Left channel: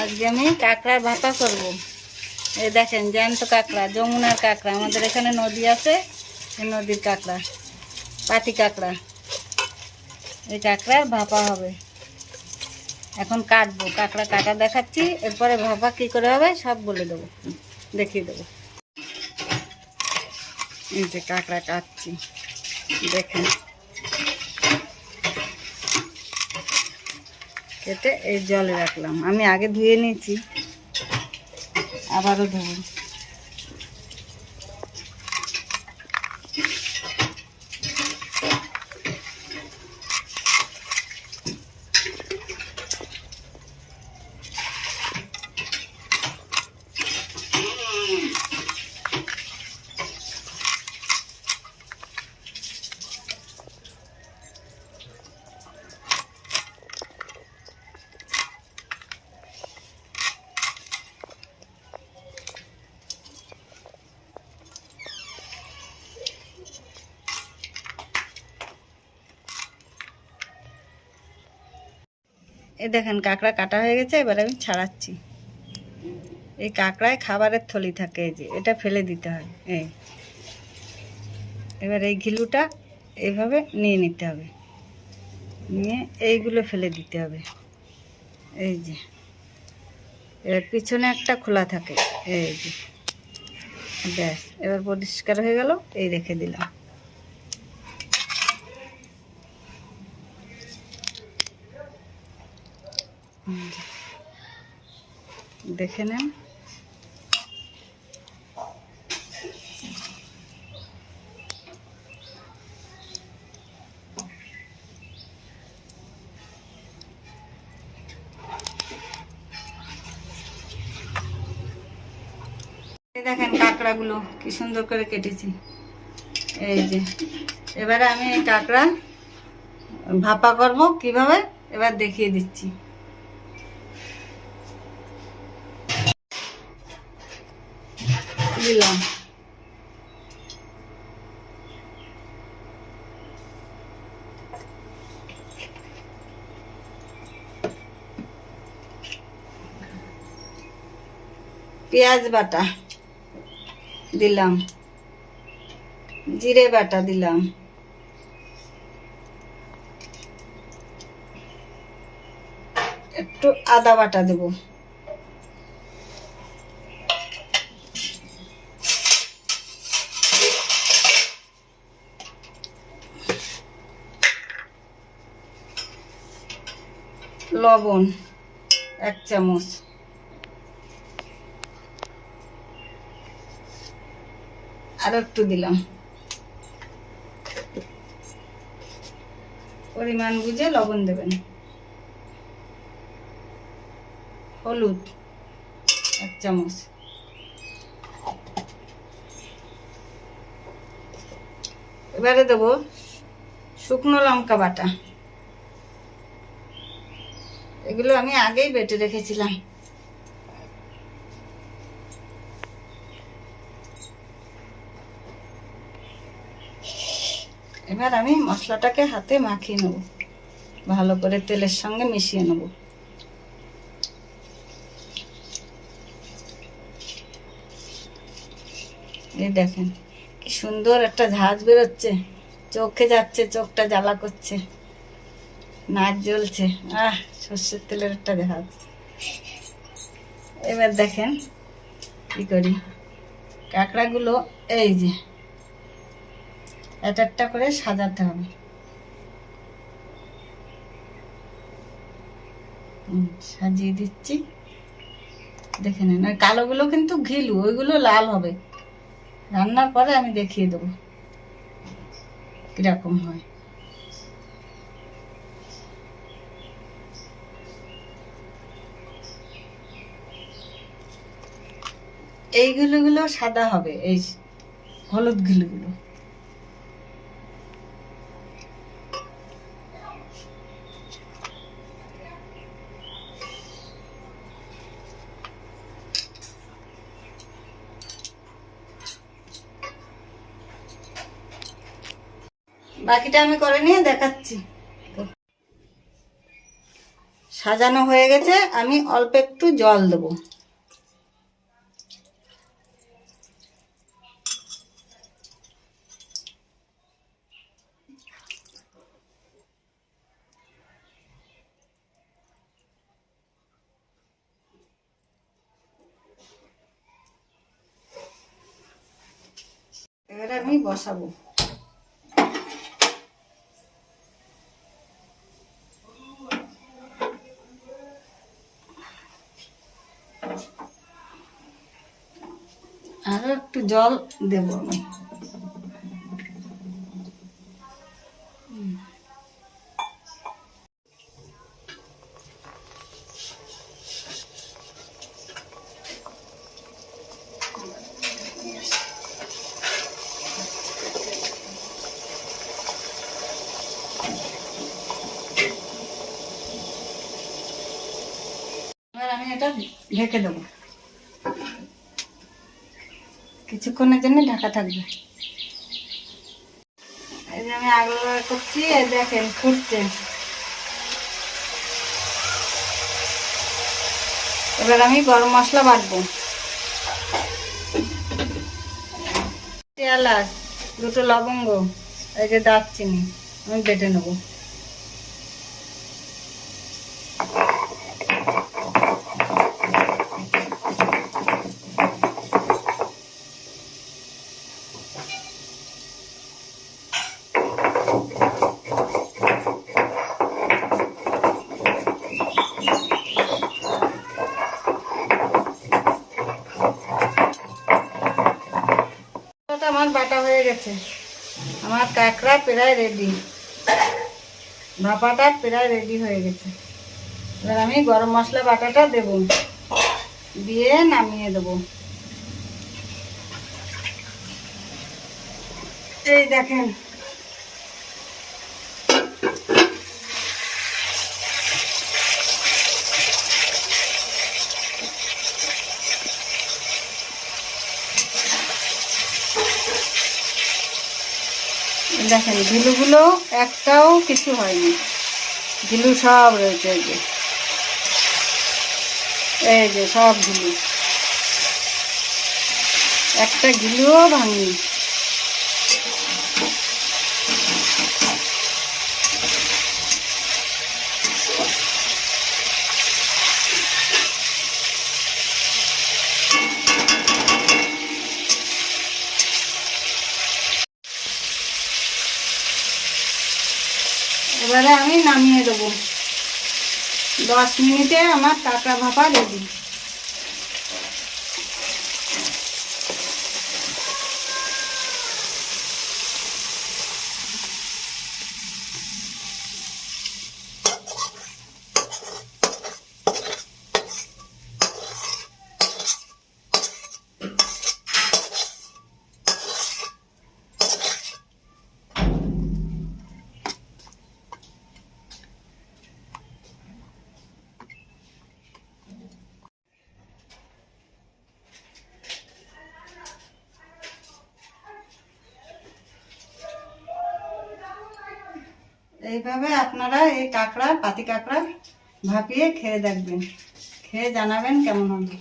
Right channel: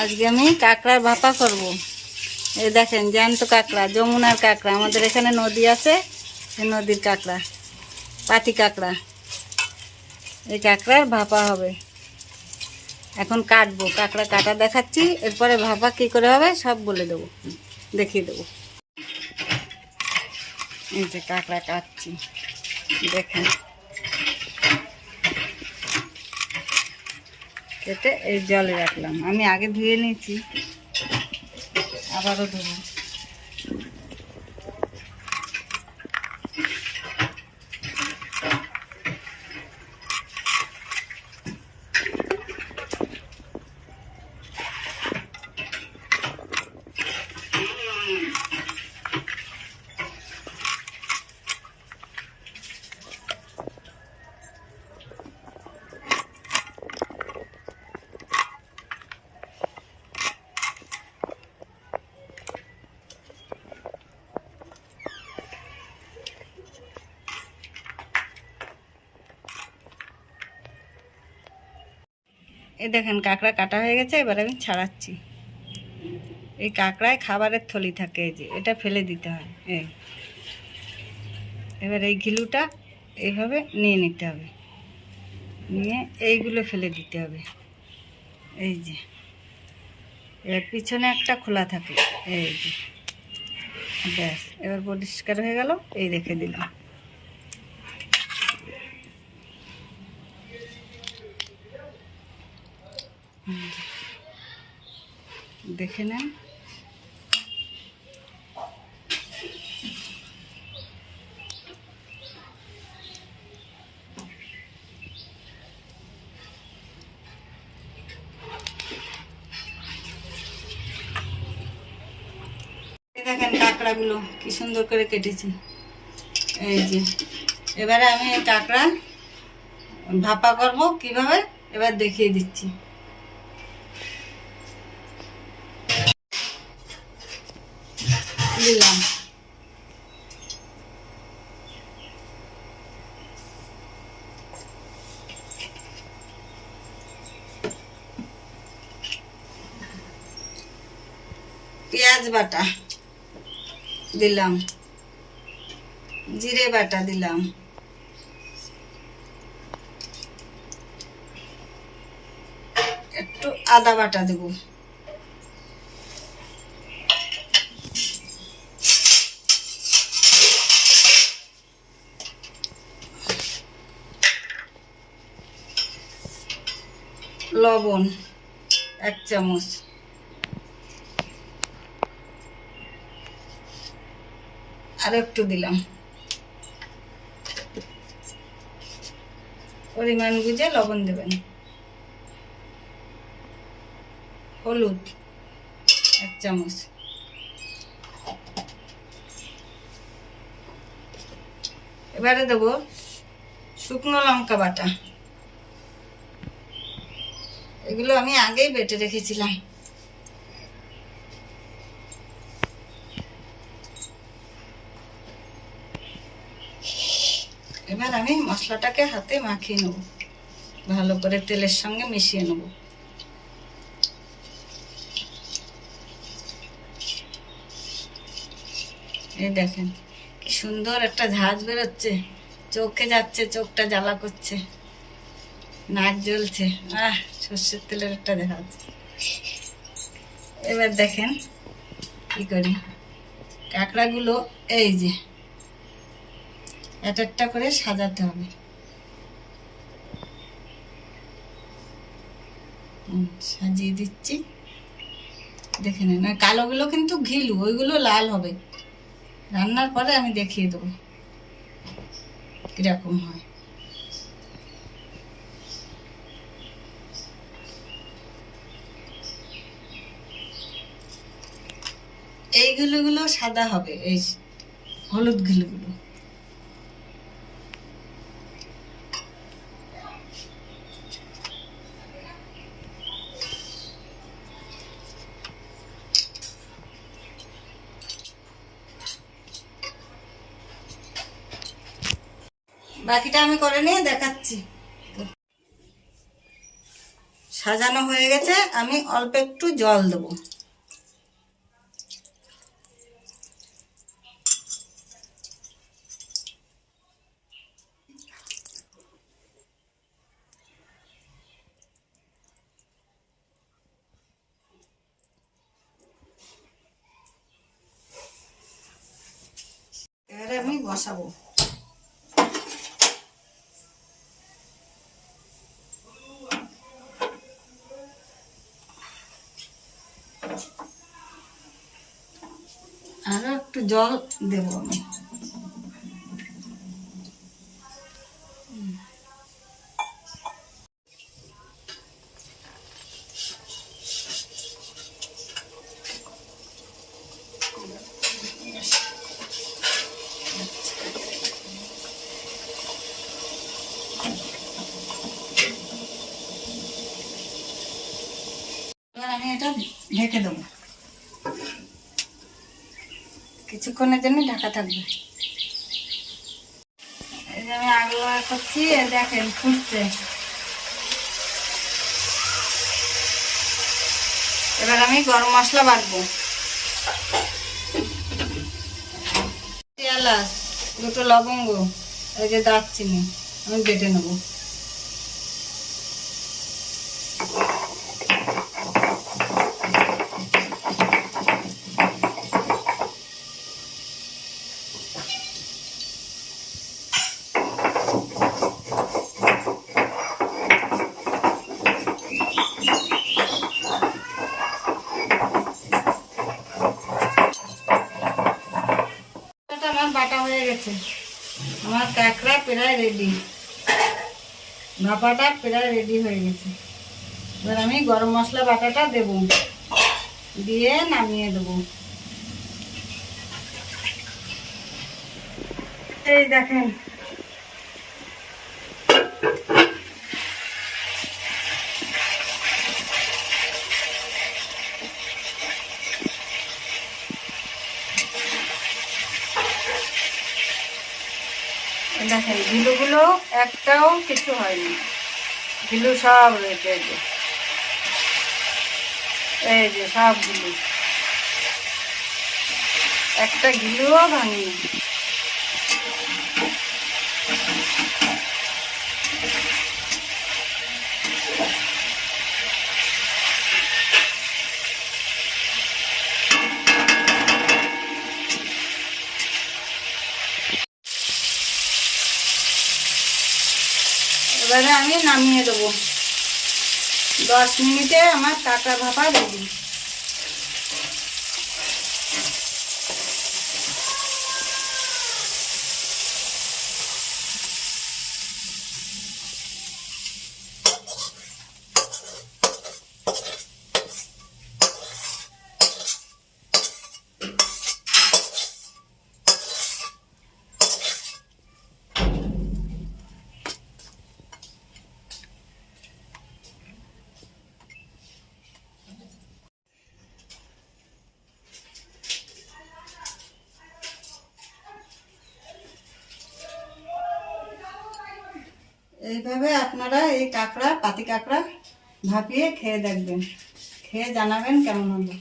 আজকে আমি কাঁকড়ার ভাপা করব। এই দেখেন জ্যান্ত কাঁকড়া, যমুনার কাঁকড়া, আমাদের এখানে নদী আছে, এই নদীর কাঁকড়া, পাতি কাঁকড়া। এই কাঁকড়ার ভাপা হবে। এখন কাটবো, কাঁকড়া কাটা দেখাচ্ছি, এরপরে ভাপা কী করে হবে সব বলে দেবো, দেখিয়ে দেবো। এই যে কাঁকড়া কাটছি, দেখেন কেটে এই জলে রাখলাম। আমি আগে ধুয়ে নিয়েছি, আবারও ধুবো। এই দেখেন কাঁকড়া কাটা হয়ে গেছে, এবার আমি ছাড়াচ্ছি। এই কাঁকড়ায় খাবারের থলি থাকে, এই যে এটা ফেলে দিতে হয়। এবার এই ঘিলুটা এইভাবে নিয়ে নিতে হবে, নিয়ে এইগুলো ফেলে দিতে হবে। এই যে এবার পিছনে একটা খোলা থাকে, এই যে ব্যাস, এবার পরিষ্কার হয়ে গেল। এই রেখে দিলাম। দেখে নেন। দেখেন কাঁকড়াগুলো কি সুন্দর করে কেটেছি। এই যে এবারে আমি এই কাঁকড়া ভাপা করব কিভাবে, এবার দেখিয়ে দিচ্ছি। দিলাম পেঁয়াজ বাটা, দিলাম জিরে বাটা, দিলাম একটু আদা বাটা, দেব লবণ 1 চামচ, আরো একটু দিলাম। পরিমাণ বুঝে লবণ দেবেন। হলুদ 1 চামচ, এবারে দেব শুকনো লঙ্কা বাটা। এগুলো আমি আগেই বেটে রেখেছিলাম। এবার আমি মশলাটাকে হাতে মাখিয়ে নেব, ভালো করে তেলের সঙ্গে মিশিয়ে নেব। এই দেখেন কি সুন্দর একটা ঝাঁজ বেরোচ্ছে, চোখে যাচ্ছে, চোখটা জ্বালা করছে, নাক জ্বলছে। সর্ষের তেলের একটা ঝাঁজ। এবার দেখেন কি করি, কাঁকড়াগুলো এই যে একটা করে সাজাতে হবে। সাজিয়ে দিচ্ছি, দেখে নেন। আর কালোগুলো কিন্তু ঘিলু, ওইগুলো লাল হবে। রান্নার পরে আমি দেখিয়ে দেবো কিরকম হয়। এই ঘিলুগুলো সাদা হবে, এই হলুদ ঘিলুগুলো। বাকিটা আমি করে নিয়ে দেখাচ্ছি। সাজানো হয়ে গেছে, আমি অল্প একটু জল দেবো। এবারে আমি বসাবো। আরো একটু জল দেব আমি। এবার আমি এটা ঢেকে দেবো, কিছুক্ষণের জন্য ঢাকা থাকবে। এই যে আমি আগুন করছি, এই দেখেন ফুটছে। এবার আমি গরম মশলা বাটবো। এলাচ, দুটো লবঙ্গ, এই যে দারচিনি আমি বেটে নেবো। আমার বাটা হয়ে গেছে, আমার কাঁকড়া প্রায় রেডি, ভাপাটা প্রায় রেডি হয়ে গেছে। এবার আমি গরম মশলা বাটাটা দেব, দিয়ে নামিয়ে দেব। এই দেখেন দেখেন ঘিলুগুলো একটাও কিছু হয়নি, ঘিলু সব রয়েছে। এই যে সব ঘিলু, একটা ঘিলুও ভাঙেনি। এবারে আমি নামিয়ে দেবো। 10 মিনিটে আমার কাঁকড়া ভাপা রেডি। এইভাবে আপনারা এই কাঁকড়া, পাতি কাঁকড়া ভাপিয়ে খেয়ে দেখবেন, খেয়ে জানাবেন কেমন হলো।